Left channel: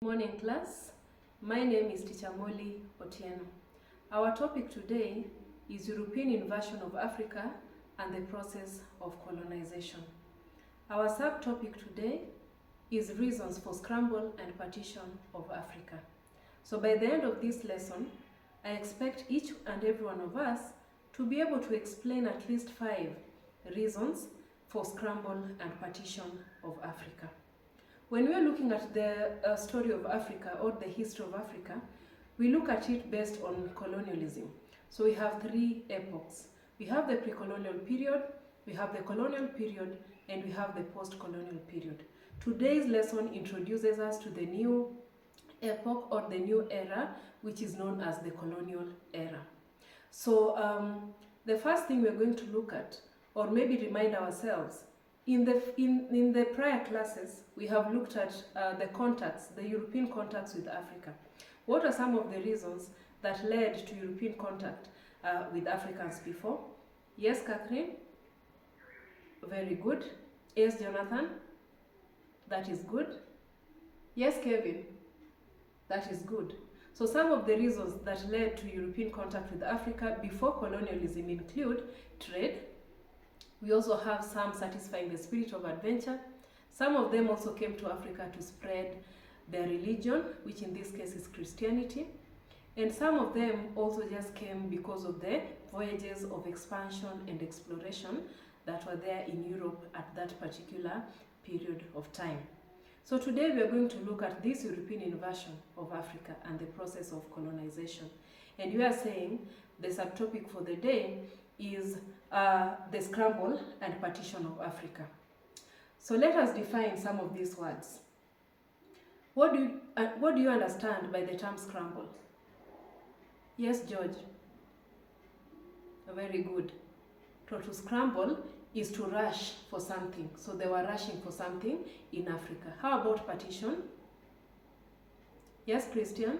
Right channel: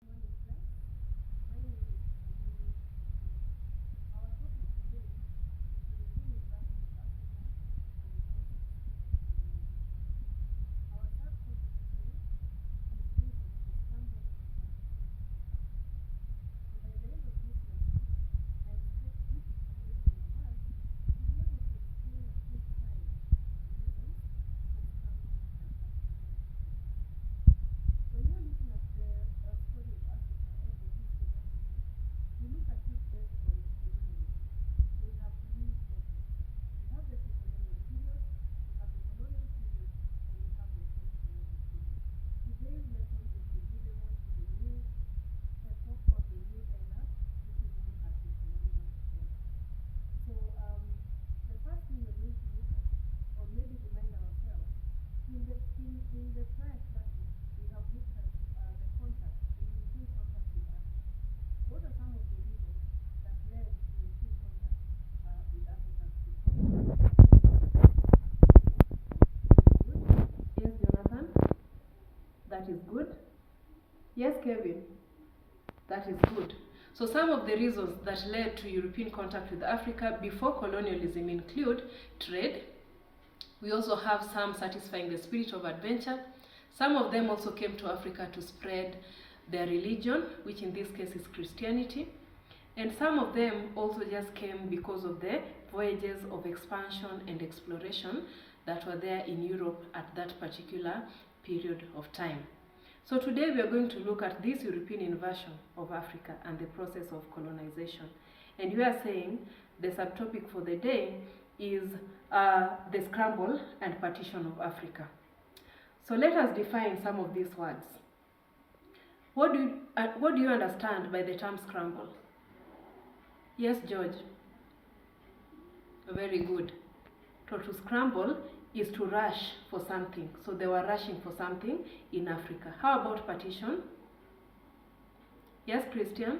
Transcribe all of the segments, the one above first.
Morning class, my name is Teacher Molly Otieno. Our topic today is European invasion of Africa and the process of colonization. Our subtopic today is reasons for scramble and partition of Africa. So by the end of this lesson, I expect each and every one of us to be able to explain at least 5 reasons for scramble and partition of Africa. When we are looking at the story of Africa or the history of Africa, we look at it based on colonialism. So we have 3 epochs. We have the pre-colonial period, we have the colonial period, and we have the post-colonial period. Today's lesson introduces us to the new epoch or the new era, which is known as the colonial era. So the first thing we're going to look at, or maybe remind ourselves, in the prior classes, we have looked at the European contacts with Africa. What are some of the reasons that led to European contact with Africans before? Yes, Catherine? Very good. Yes, Jonathan? That is good. Yes, Kevin? That is good. So some of the reasons that led to European contact with Africa before colonialism include trade. We also have some satisfying the spirit of adventure. Some of them also came to Africa to spread their religion, which in this case is Christianity. And some of them also just came because of the voyages of expansion and exploration that were there in Europe at that particular period of time. So today we are going to look at this European invasion of Africa and the process of colonization. And we are saying the subtopic for the day is the scramble and partition of Africa. So let us define some of these words. What do you understand by the term scramble? Yes, George? Very good. So to scramble is to rush for something. So they were rushing for something in Africa. How about partition? Yes, Christian?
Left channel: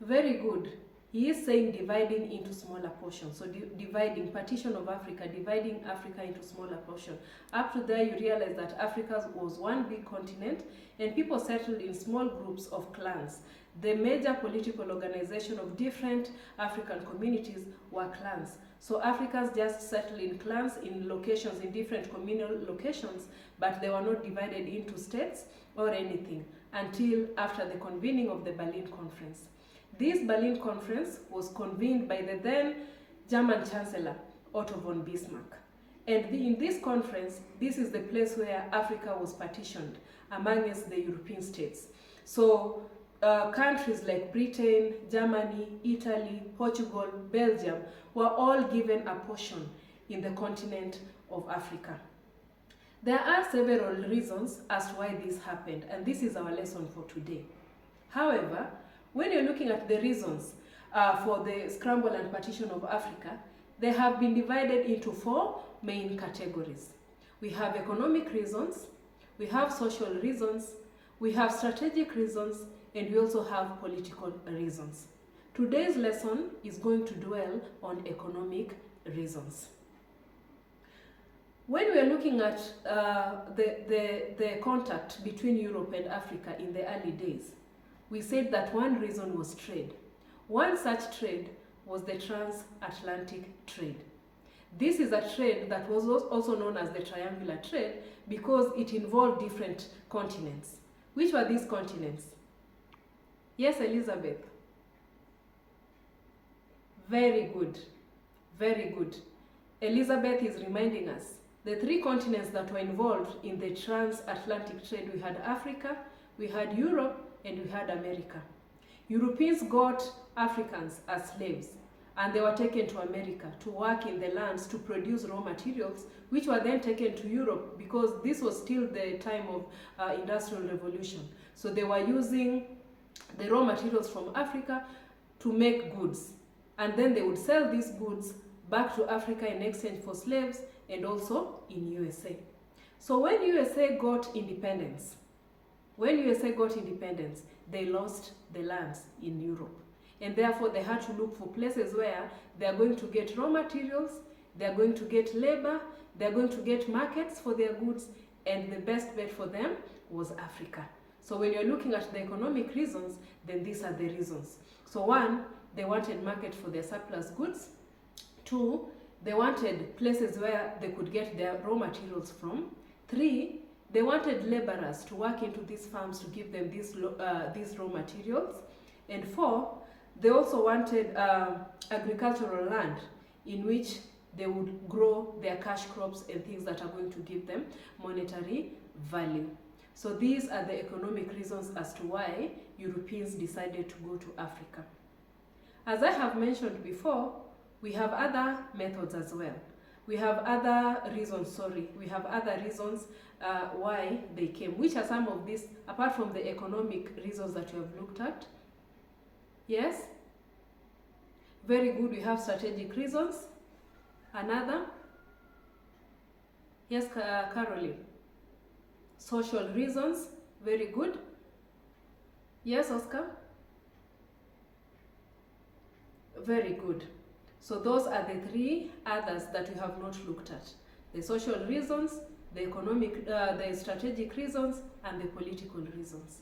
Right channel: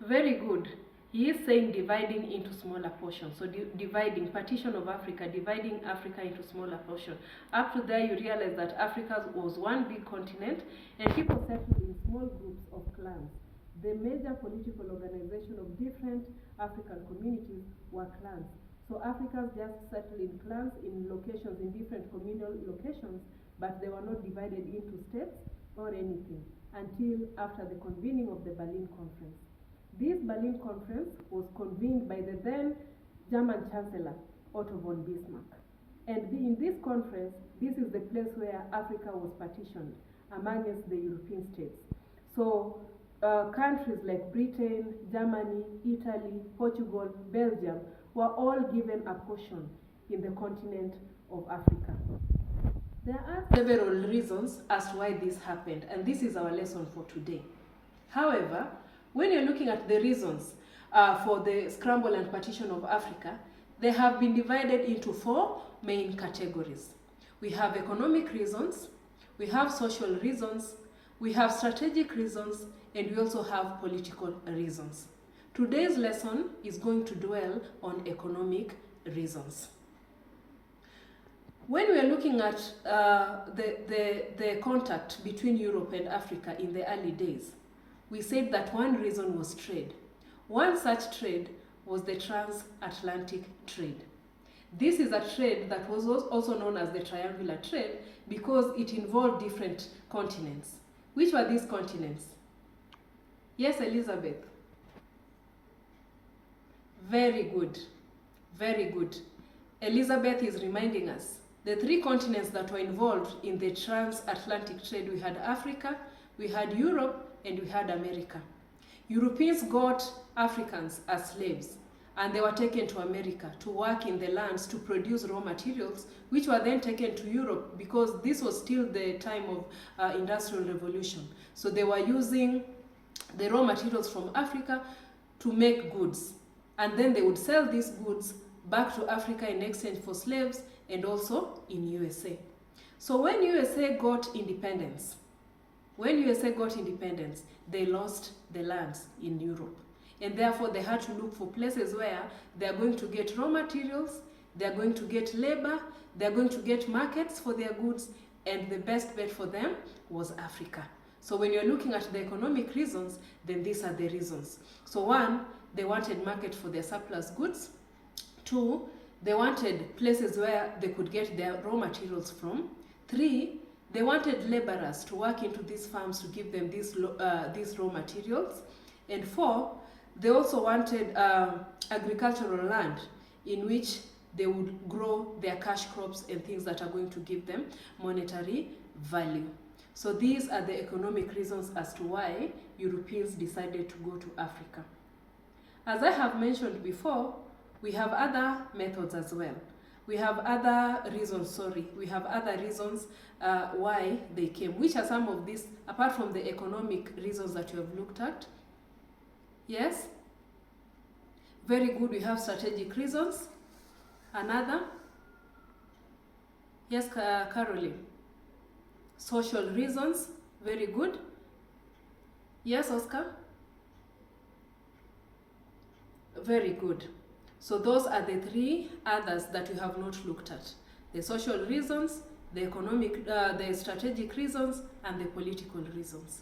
Very good. He is saying dividing into smaller portions. So dividing, partition of Africa, dividing Africa into smaller portions. Up to there, you realize that Africa was one big continent and people settled in small groups of clans. The major political organization of different African communities were clans. So Africans just settled in clans in locations, in different communal locations, but they were not divided into states or anything until after the convening of the Berlin Conference. This Berlin Conference was convened by the then German Chancellor, Otto von Bismarck. And in this conference, this is the place where Africa was partitioned amongst the European states. So countries like Britain, Germany, Italy, Portugal, Belgium were all given a portion in the continent of Africa. There are several reasons as to why this happened, and this is our lesson for today. However, when you're looking at the reasons for the scramble and partition of Africa, they have been divided into 4 main categories. We have economic reasons, we have social reasons, we have strategic reasons, and we also have political reasons. Today's lesson is going to dwell on economic reasons. When we are looking at the contact between Europe and Africa in the early days, we said that one reason was trade. One such trade was the transatlantic trade. This is a trade that was also known as the triangular trade because it involved different continents. Which were these continents? Yes, Elizabeth? Very good. Very good. Elizabeth is reminding us the 3 continents that were involved in the transatlantic trade. We had Africa, we had Europe, and we had America. Europeans got Africans as slaves, and they were taken to America to work in the lands to produce raw materials, which were then taken to Europe because this was still the time of industrial revolution. So they were using the raw materials from Africa to make goods, and then they would sell these goods back to Africa in exchange for slaves and also in USA. So when USA got independence, they lost the lands in Europe. And therefore, they had to look for places where they are going to get raw materials, they are going to get labor, they are going to get markets for their goods, and the best bet for them was Africa. So when you're looking at the economic reasons, then these are the reasons. So 1, they wanted market for their surplus goods. 2, they wanted places where they could get their raw materials from. 3, they wanted laborers to work into these farms to give them these raw materials. And 4, they also wanted agricultural land in which they would grow their cash crops and things that are going to give them monetary value. So these are the economic reasons as to why Europeans decided to go to Africa. As I have mentioned before, we have other methods as well. We have other reasons why they came. Which are some of these, apart from the economic reasons that we have looked at? Yes? Very good, we have strategic reasons. Another? Yes, Caroline. Social reasons, very good. Yes, Oscar? Very good. So those are the 3 others that we have not looked at. The social reasons, the economic, the strategic reasons, and the political reasons.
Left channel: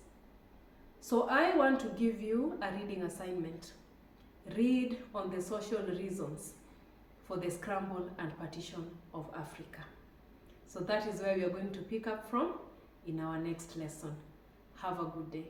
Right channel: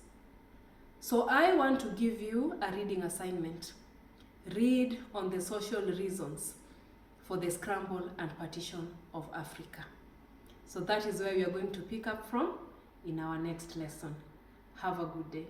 So I want to give you a reading assignment. Read on the social reasons for the scramble and partition of Africa. So that is where we are going to pick up from in our next lesson. Have a good day.